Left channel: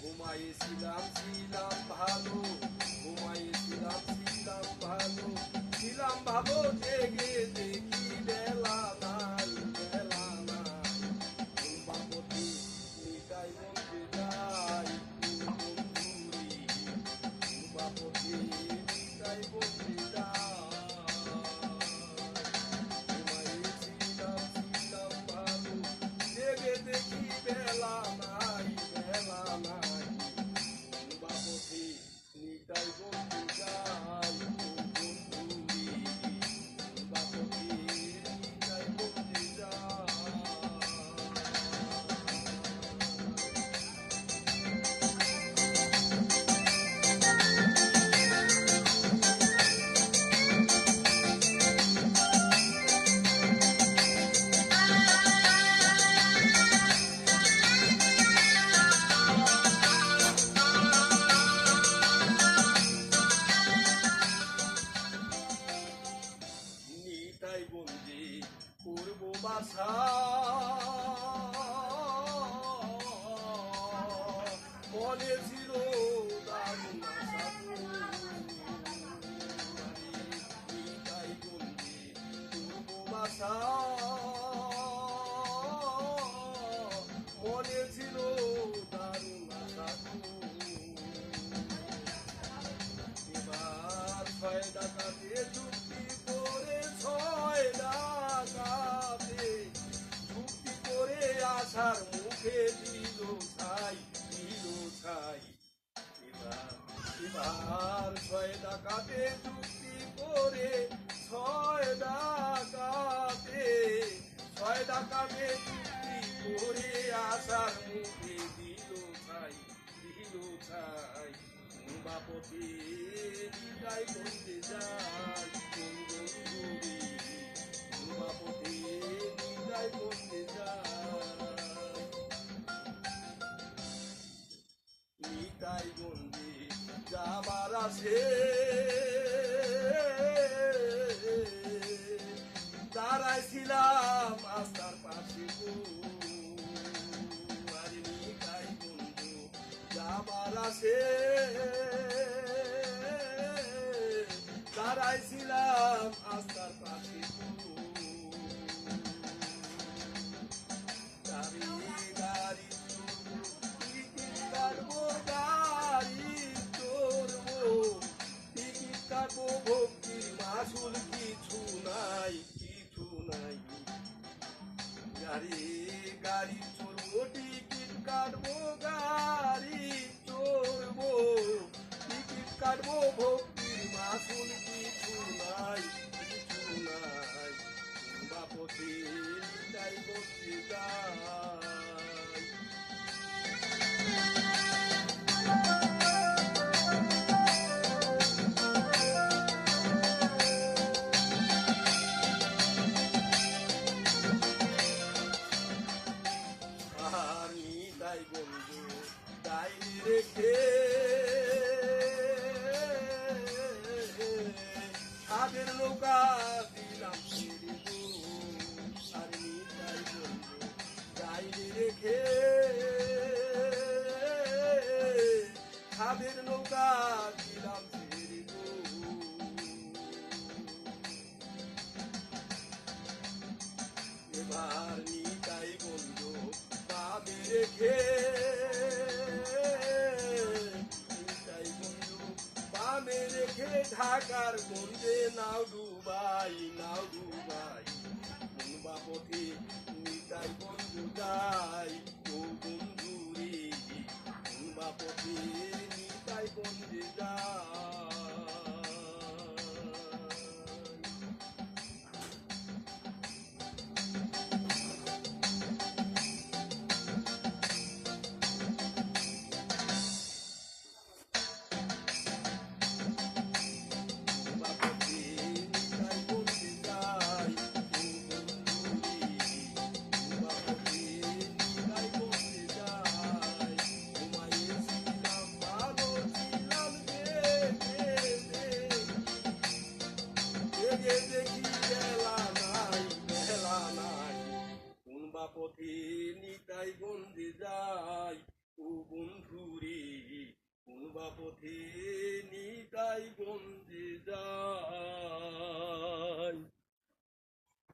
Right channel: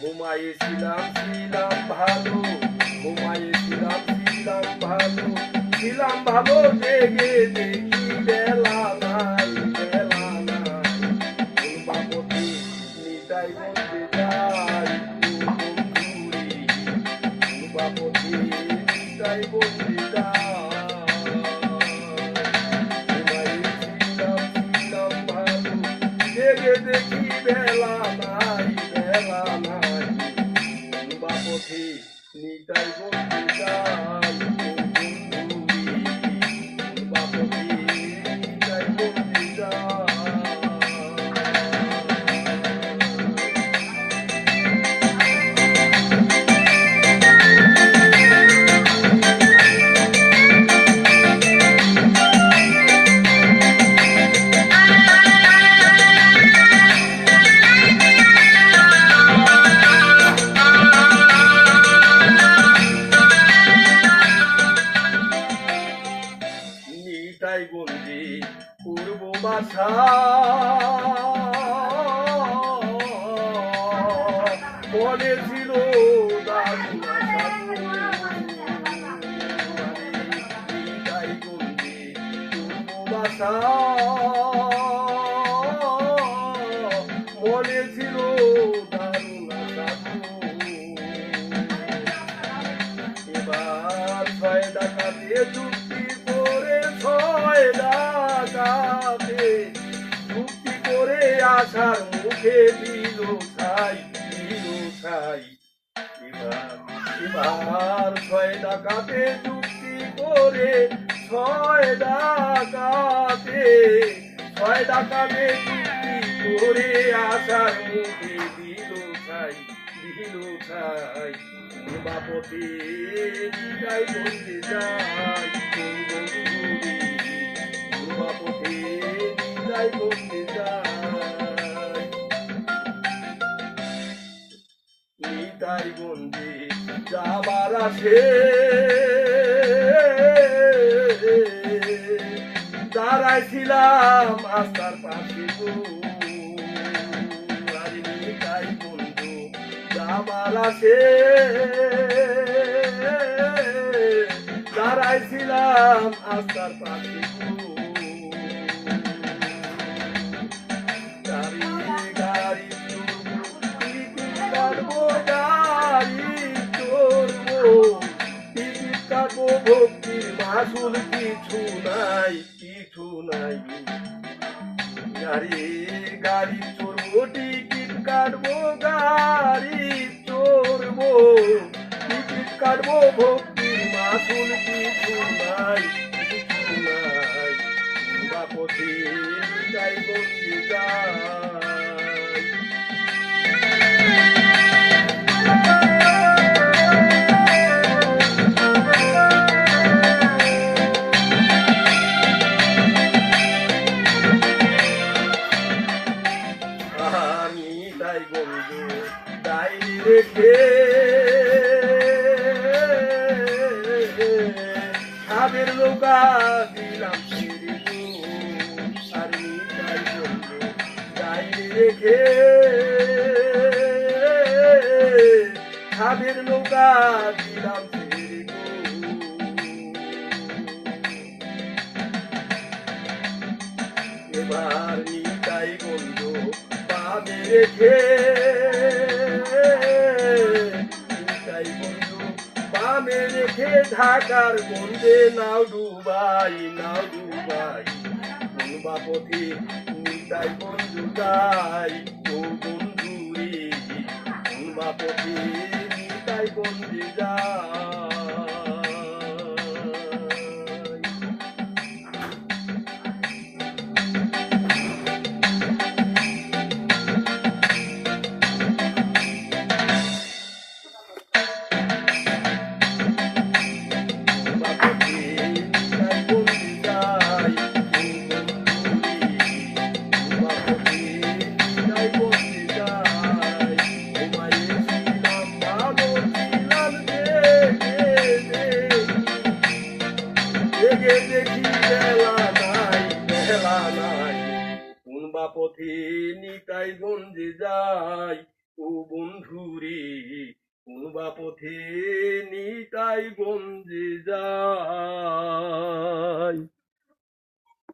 ঘুমাইছিলাম ছিলাম ভালো, ঘুমাইছিলাম ছিলাম ভালো, ছিলাম ভালো জেগে দেখি বেলা নাই, বেলা নাই। কোন বাপতি নিতাই বলতে যাই বন্ধুরি, কোন বাপতি নিতাই বলতে ঘুমাইছিলাম ছিলাম ভালো, জেগে দেখি বেলা নাই, বেলা নাই। পথে নিতাই বলতে যাই বন্ধুরি, বাপথে নিতাই বলতে যাই। নিতাই বন্দি পূর্ব বাসা, মনে ছিল দারুণ আশা। নিতাই বন্দি পূর্ব বাসা, মনে ছিল দারুণ আশা। এবার ছয় ডাকাতে যুক্তি করে, ছয় ডাকাতে যুক্তি করে আশার মুখে দিল ছাই, দিল ছাই। এবার ছয় ডাকাতে যুক্তি করে, ছয় ডাকাতে, ছয় ডাকাতে যুক্তি করে আশার মুখে দিল ছাই, দিল ছাই। বাপতে নিতাই বলতে যাই বন্ধুরি, বাপতে নিতাই বলতে যাই। নিতাই বন্দি যাবার আসে, দাঁড়াইছিলাম আস্তার পাশে গো। নিতাই বন্ধু যাবার আসে, দাঁড়াইছিলাম আস্তার পাশে গো। গাড়ি গাড়ি চড়বো, টিকিট কাটবো, গাড়ি চড়বো, টিকিট কাটবো, ভক্তির মাসুল কিছু নাই, কিছু নাই। গাড়ি গাড়ি চড়বো, টিকিট কাটবো, গাড়ি চড়বো, টিকিট কাটবো, ভক্তির মাসুল কিছু নাই, কিছু নাই। বাপথে নিতাই বলতে যাই। নিতাই বন্ধু ডাইনি রেখে, সাবের নৌকা দিলাম ছেড়ে গো। আর নিতাই বন্ধু ডাইনি রেখে, সাবের নৌকা দিলাম ছেড়ে গো। এবার নিতাই বন্ধু পাবে রেখে, নিতাই বন্ধু পাবে রেখে, ঢাকার গন্ধে নাও ডুবাই, নাও ডুবাই। কোন পথে নিতাই বন্ধু যাই ও বন্ধু রে কোনবা পথে নিতাই বন্ধু যাই দেখি বেলা নাই কোনবা পথে নিতাই গঞ্জে যাই ও বন্ধু রে কোনবা পথে নিতাই গঞ্জে যাই